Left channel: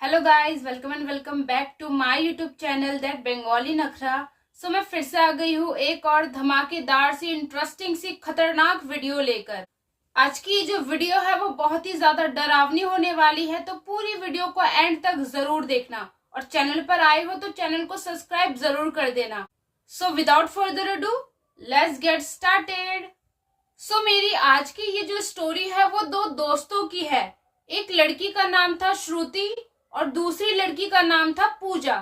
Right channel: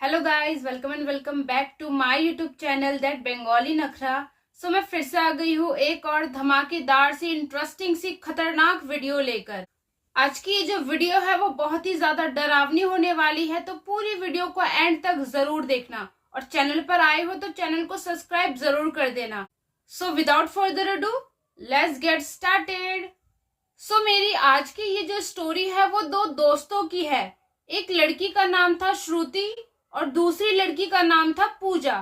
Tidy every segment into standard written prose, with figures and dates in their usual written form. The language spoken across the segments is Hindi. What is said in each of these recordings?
Hello guys, welcome and welcome back to my YouTube channel that Bengali Nakhra. मैं फिर से आ गई हूँ एक और धमाकेदार सी इंटरेस्टिंग सी खतरनाक वीडियो लेकर। आज की ये जो वीडियो है वो बहुत ही ज्यादा डरावनी होने वाली है, तो पूरी वीडियो को एंड तक जरूर देखना और चैनल पर आए हो तो चैनल को सब्सक्राइब जरूर कर देना। Without further ado let's get started. मेरी आज की ये जो स्टोरी है वो दो दोस्तों की है। एक लड़की का नाम था श्रुति और दूसरी लड़की का नाम था पूजा।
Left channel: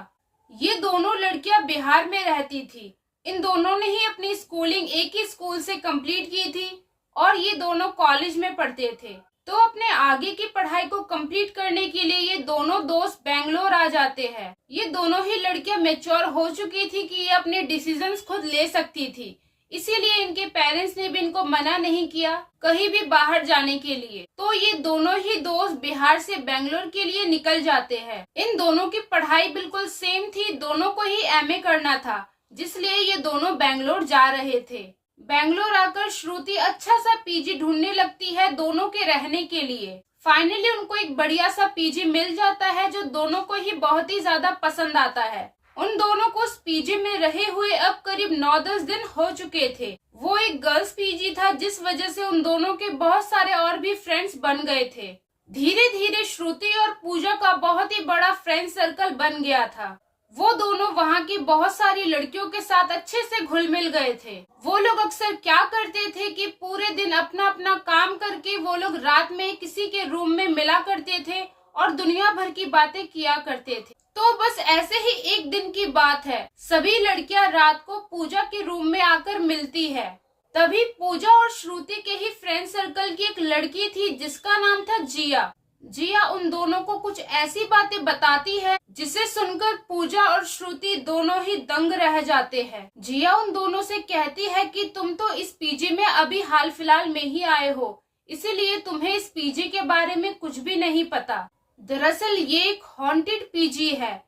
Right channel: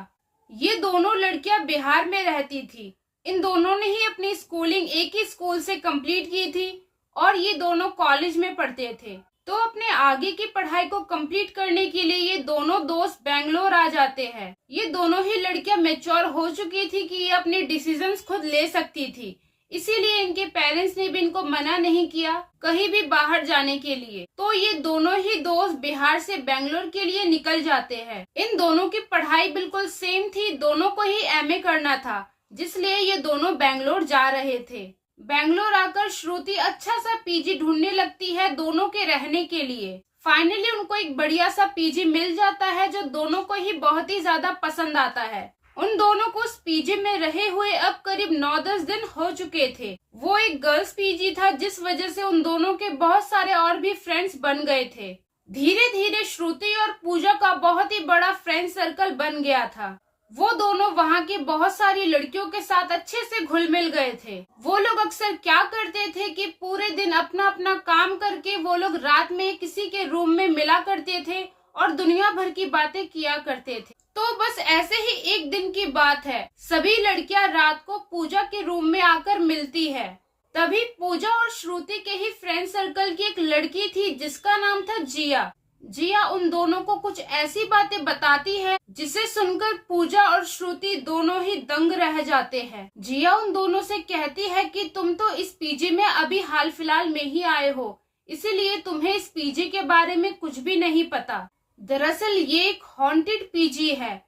ये दोनों लड़कियां बिहार में रहती थी। इन दोनों ने ही अपनी स्कूलिंग एक ही स्कूल से कंप्लीट की थी और ये दोनों कॉलेज में पढ़ते थे। तो अपने आगे की पढ़ाई को कंप्लीट करने के लिए ये दोनों दोस्त बेंगलोर आ जाते हैं। ये दोनों ही लड़कियां मैच्योर हो चुकी थी कि ये अपने डिसीजंस खुद ले सकती थी, इसीलिए इनके पेरेंट्स ने भी इनको मना नहीं किया कहीं भी बाहर जाने के लिए। तो ये दोनों ही दोस्त बिहार से बेंगलोर के लिए निकल जाते हैं। इन दोनों की पढ़ाई बिल्कुल सेम थी, दोनों को ही एमए करना था, जिसलिए ये दोनों बेंगलोर जा रहे थे। बेंगलोर आकर श्रुति अच्छा सा पीजी ढूंढने लगती है दोनों के रहने के लिए। फाइनली उनको एक बढ़िया सा पीजी मिल जाता है जो दोनों को ही बहुत ही ज्यादा पसंद आता है। उन दोनों को उस पीजी में रहे हुए अब करीब 9-10 दिन हो चुके थे। वो एक गर्ल्स पीजी था, जिस वजह से उन दोनों के बहुत सारे और भी फ्रेंड्स बन गए थे। धीरे धीरे श्रुति और पूजा का बहुत ही बड़ा फ्रेंड सर्कल बन गया था। वो दोनों वहाँ की बहुत सारी लड़कियों के साथ अच्छे से घुल मिल गए थे। वो लोग अक्सर क्या करते थे कि पूरे दिन अपना अपना काम करके वो लोग रात में किसी के रूम में मिला करते थे और दुनिया भर की बातें किया करते थे। तो बस ऐसे ही एक दिन की बात है, सभी लड़कियां रात को पूजा के रूम में आकर मिलती है। तभी पूजा और श्रुति के ही फ्रेंड सर्कल की एक लड़की थी जिसका नाम था जिया। जिया उन दोनों को कुछ ऐसी बातें बताती है जिसे सुनकर पूजा और श्रुति दोनों ही दंग रह जाते हैं। जिया उन दोनों से कहती है कि तुम तो इस पीजी में अभी हाल फिलहाल में ही आए हो, इसीलिए तुम्हें इस पीजी के बारे में कुछ भी नहीं पता। दरअसल ये एक हॉन्टेड पीजी है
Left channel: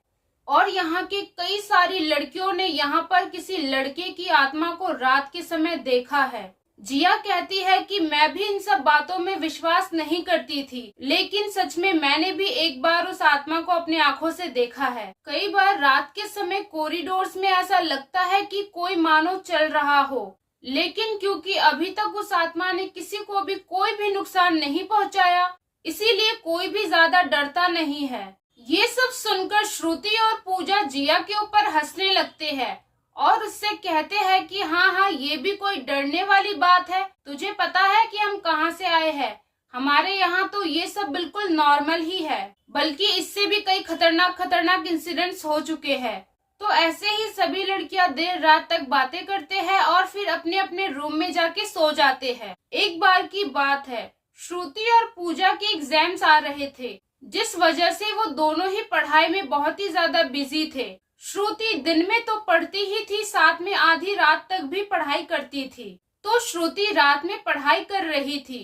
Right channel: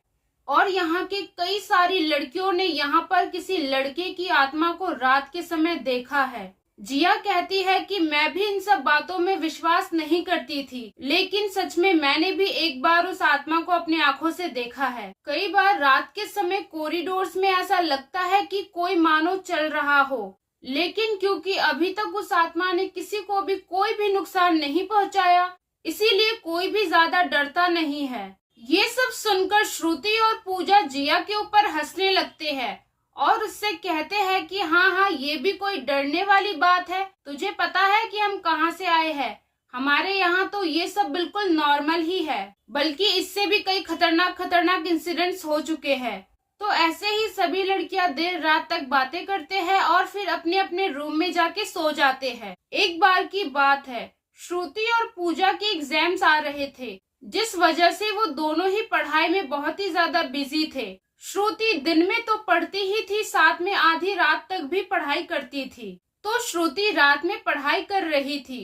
और यहाँ के कई सारी लड़कियों ने यहाँ पर किसी लड़के की आत्मा को रात के समय देखा है। जिया कहती है कि मैं भी इन सब बातों में विश्वास नहीं करती थी, लेकिन सच में मैंने भी एक बार उस आत्मा को अपनी आंखों से देखा है। कई बार रात के समय कॉरिडोर्स में ऐसा लगता है कि कोई मानो चल रहा हो, लेकिन क्योंकि अभी तक उस आत्मा ने किसी को भी कोई भी नुकसान नहीं पहुँचाया, इसीलिए कोई भी ज्यादा डरता नहीं है। ये सब सुनकर श्रुति और पूजा जिया के ऊपर हंसने लगते हैं और उससे कहते हैं कि हाँ, ये भी कोई डरने वाली बात है। तुझे पता है कि हम कहाँ से आए हैं? हमारे यहाँ तो ये सब बिल्कुल नॉर्मल ही है, बल्कि इससे भी कई खतरनाक इंसिडेंट्स हो चुके हैं। तो ऐसे ही सभी लड़कियां देर रात तक बातें करते हैं और फिर अपने अपने रूम में जाके सो जाते हैं। एक बार की बात है, श्रुति और पूजा के एग्जाम्स आ रहे थे, जिस वजह से वो दोनों ही पढ़ाई में बहुत ही ज्यादा बिजी थे। श्रुति दिन में तो पढ़ती ही थी, साथ में आधी रात तक भी पढ़ाई करती थी। तो श्रुति रात में पढ़ाई कर रही थी,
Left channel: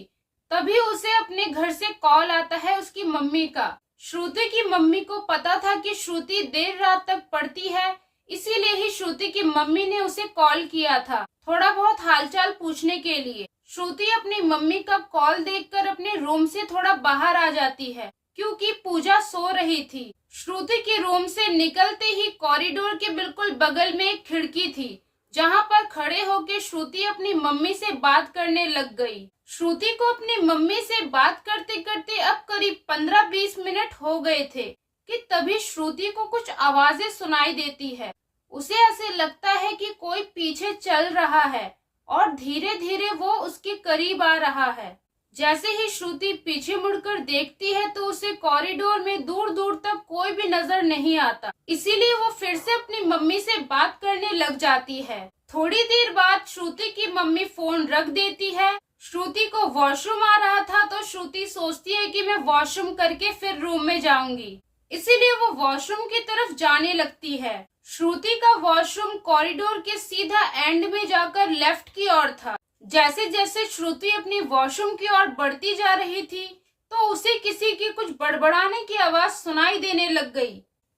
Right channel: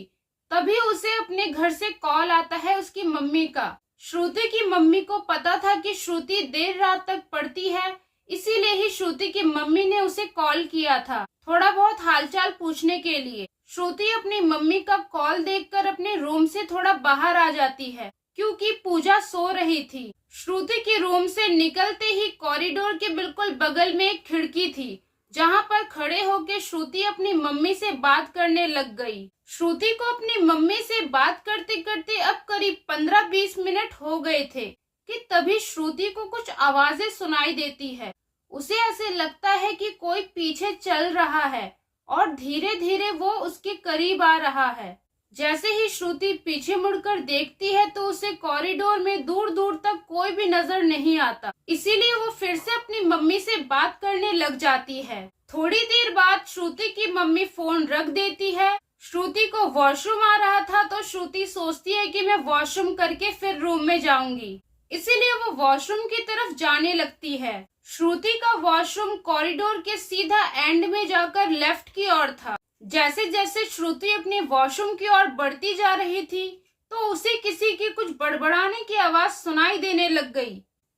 तभी उसे अपने घर से कॉल आता है उसकी मम्मी का। श्रुति की मम्मी को पता था कि श्रुति देर रात तक पढ़ती है, इसीलिए ही श्रुति की मम्मी ने उसे कॉल किया था थोड़ा बहुत हालचाल पूछने के लिए। श्रुति अपनी मम्मी का कॉल देखकर अपने रूम से थोड़ा बाहर आ जाती है, क्योंकि पूजा सो रही थी। श्रुति के रूम से निकलते ही कॉरिडोर के बिल्कुल बगल में एक खिड़की थी, जहां पर खड़े होकर श्रुति अपनी मम्मी से बात करने लग गई। श्रुति को अपनी मम्मी से बात करते करते अब करीब 15-20 मिनट हो गए थे कि तभी श्रुति को कुछ आवाजें सुनाई देती है। उसे ऐसे लगता है कि कोई पीछे चल रहा है और धीरे धीरे वो उसके करीब आ रहा है। जैसे ही श्रुति पीछे मुड़कर देखती है तो उसे कॉरिडोर में दूर दूर तक कोई भी नजर नहीं आता, इसीलिए वो फिर से अपनी मम्मी से बात करने लग जाती है। थोड़ी देर बाद श्रुति की मम्मी फोन रख देती है। श्रुति को वॉशरूम आ रहा था, तो श्रुति सोचती है कि मैं वॉशरूम करके फिर रूम में जाऊंगी, इसीलिए वो वॉशरूम की तरफ जाने लगती है। श्रुति का वॉशरूम कॉरिडोर के सीधा एंड में जाकर लेफ्ट की ओर था। जैसे जैसे श्रुति अपने वॉशरूम की ओर बढ़ती जा रही थी, तो उसे किसी की कुछ बड़बड़ाने की आवाज सुनाई देने लग गई।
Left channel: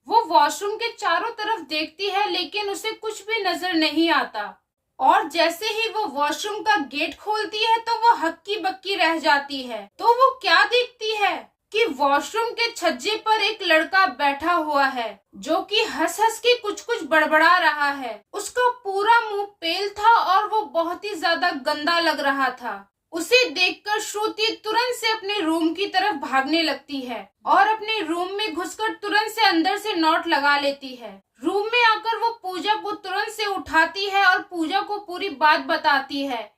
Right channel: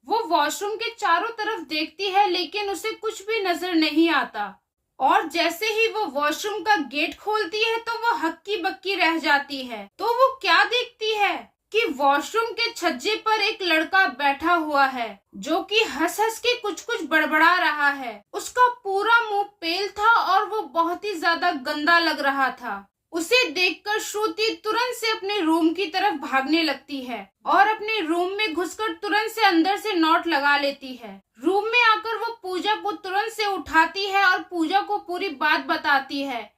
वो वॉशरूम के चारों तरफ देखती है, लेकिन उसे कुछ भी नजर नहीं आता। और जैसे ही वो वॉशरूम का गेट खोलती है तो वो हक्की बक्की रह जाती है। तो वो क्या देखती है? कि वॉशरूम के छज्जे पर एक लड़का बैठा हुआ है जो कि हंस हंस के कुछ कुछ बड़बड़ा रहा है। उसका पूरा मुंह पेल था और वो बहुत ही ज्यादा गंदा लग रहा था। उसे देखकर श्रुति तुरंत से अपने रूम की तरफ भागने लगती है और अपने रूम में घुसकर तुरंत से अंदर से नॉट लगा लेती है। रूम में आकर वो पूजा को तुरंत से उठाती है और पूजा को पूरी बात बताती है,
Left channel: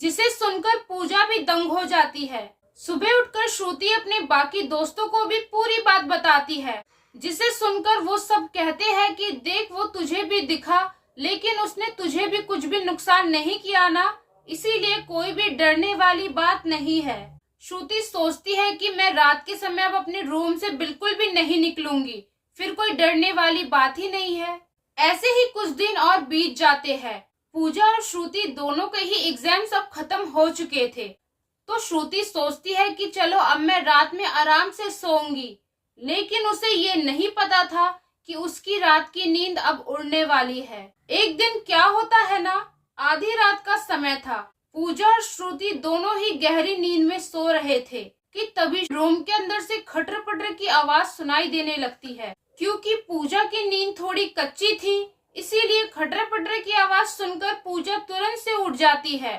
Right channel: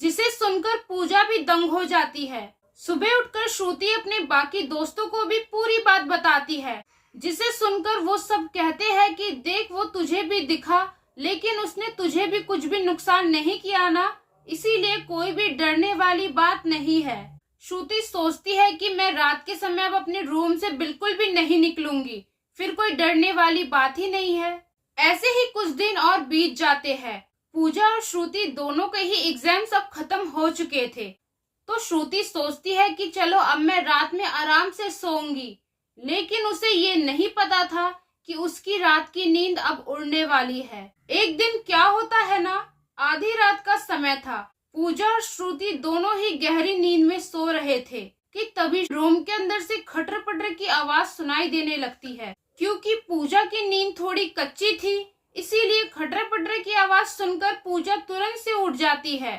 जिसे सुनकर पूजा भी दंग हो जाती है। सुबह उठकर श्रुति अपने बाकी दोस्तों को भी पूरी बात बताती है, जिसे सुनकर वो सब कहते हैं कि देख वो तुझे भी दिखा, लेकिन उसने तुझे भी कुछ भी नुकसान नहीं किया ना, इसीलिए कोई भी डरने वाली बात नहीं है। श्रुति सोचती है कि मैं रात के समय अब अपने रूम से बिल्कुल भी नहीं निकलूंगी, फिर कोई डरने वाली बात ही नहीं है। ऐसे ही कुछ दिन और बीत जाते हैं। पूजा और श्रुति दोनों के ही एग्जाम्स अब खत्म हो चुके थे, तो श्रुति सोचती है कि चलो अब मैं रात में आराम से सोऊंगी, लेकिन उसे ये नहीं पता था कि उसकी रात की नींद अब उड़ने वाली है। एक दिन क्या होता है ना, आधी रात का समय था। पूजा और श्रुति दोनों ही गहरी नींद में सो रहे थे कि तभी रूम के अंदर से खटर पटर की आवाज सुनाई देने लगती है। क्योंकि पूजा की नींद थोड़ी कच्ची थी, इसीलिए खटर पटर की आवाज सुनकर पूजा तुरंत से उठ जाती है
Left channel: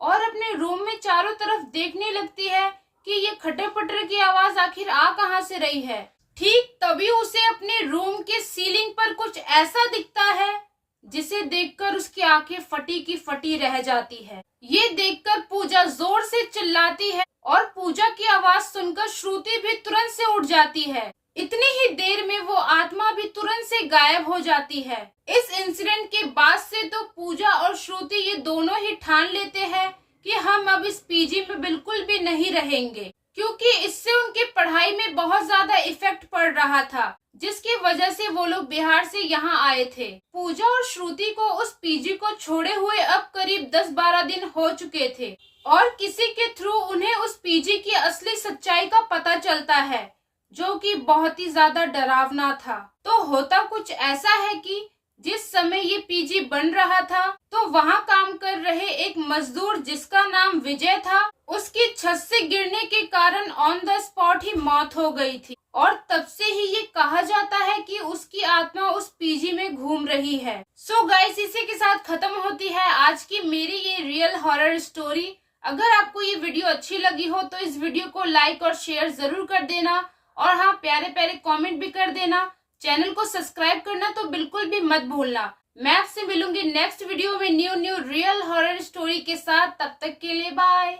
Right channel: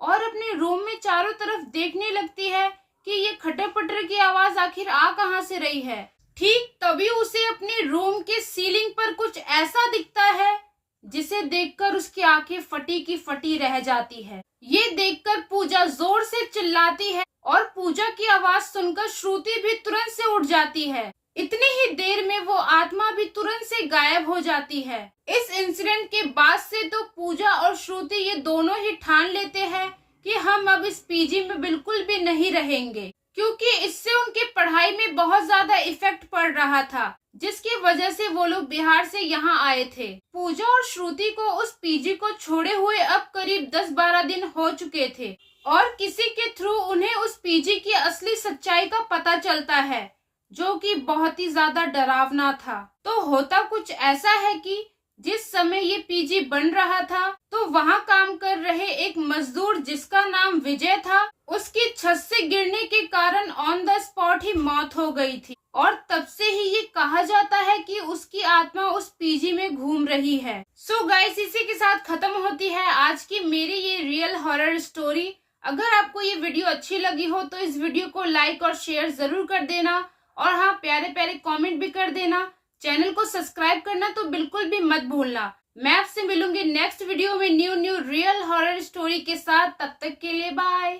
और अपने रूम में चारों तरफ देखने लगती है कि ये खटर पटर की आवाज आखिर आ कहां से रही है। ठीक तभी उसे अपने रूम के सीलिंग पर कुछ ऐसा दिखता है जिसे देखकर उसकी आंखें फटी की फटी रह जाती है। ये देखकर पूजा जोर से चिल्लाती है और पूजा की आवाज सुनकर श्रुति भी तुरंत से उठ जाती है। इतनी ही देर में वो आत्मा भी तुरंत से गायब हो जाती है। इस इंसिडेंट के बाद से तो पूजा और श्रुति ये दोनों ही ठान लेते हैं कि हम अब इस पीजी में बिल्कुल भी नहीं रहेंगे, क्योंकि इससे उनकी पढ़ाई में बहुत ज्यादा इफेक्ट पड़ रहा था, जिसकी वजह से वो लोग बिहार से यहाँ आए थे। पूजा और श्रुति को उस पीजी को छोड़े हुए अब करीब 10-12 दिन हो चुके थे और किसी के थ्रू उन्हें उस पीजी की असली सच्चाई का पता चलता है, जो कि बहुत ही ज्यादा डरावना था। तो होता कुछ ऐसा है कि जिस समय ये पीजी बन रहा था तो वहाँ काम कर रहे एक मजदूर जिसका नाम विजय था, उसकी छत से गिरने के कारण ऑन द स्पॉट ही मौत हो गई थी और तब से ही ये कहा जाता है कि उसकी आत्मा उस पीजी में घूम रही है। सो गाइस, इसी के साथ खत्म होती है आज की मेरी ये रियल हॉरर स्टोरी। अगर आपको ये वीडियो अच्छी लगी हो तो इस वीडियो को लाइक और शेयर जरूर कर देना और हाँ, प्यारे प्यारे कमेंट भी कर देना। चैनल को सब्सक्राइब करना तो बिल्कुल भी मत भूलना। मैं आपसे मिलूंगी नेक्स्ट वीडियो में न्यू रियल हॉरर स्टोरी के साथ। तब तक के लिए बाय।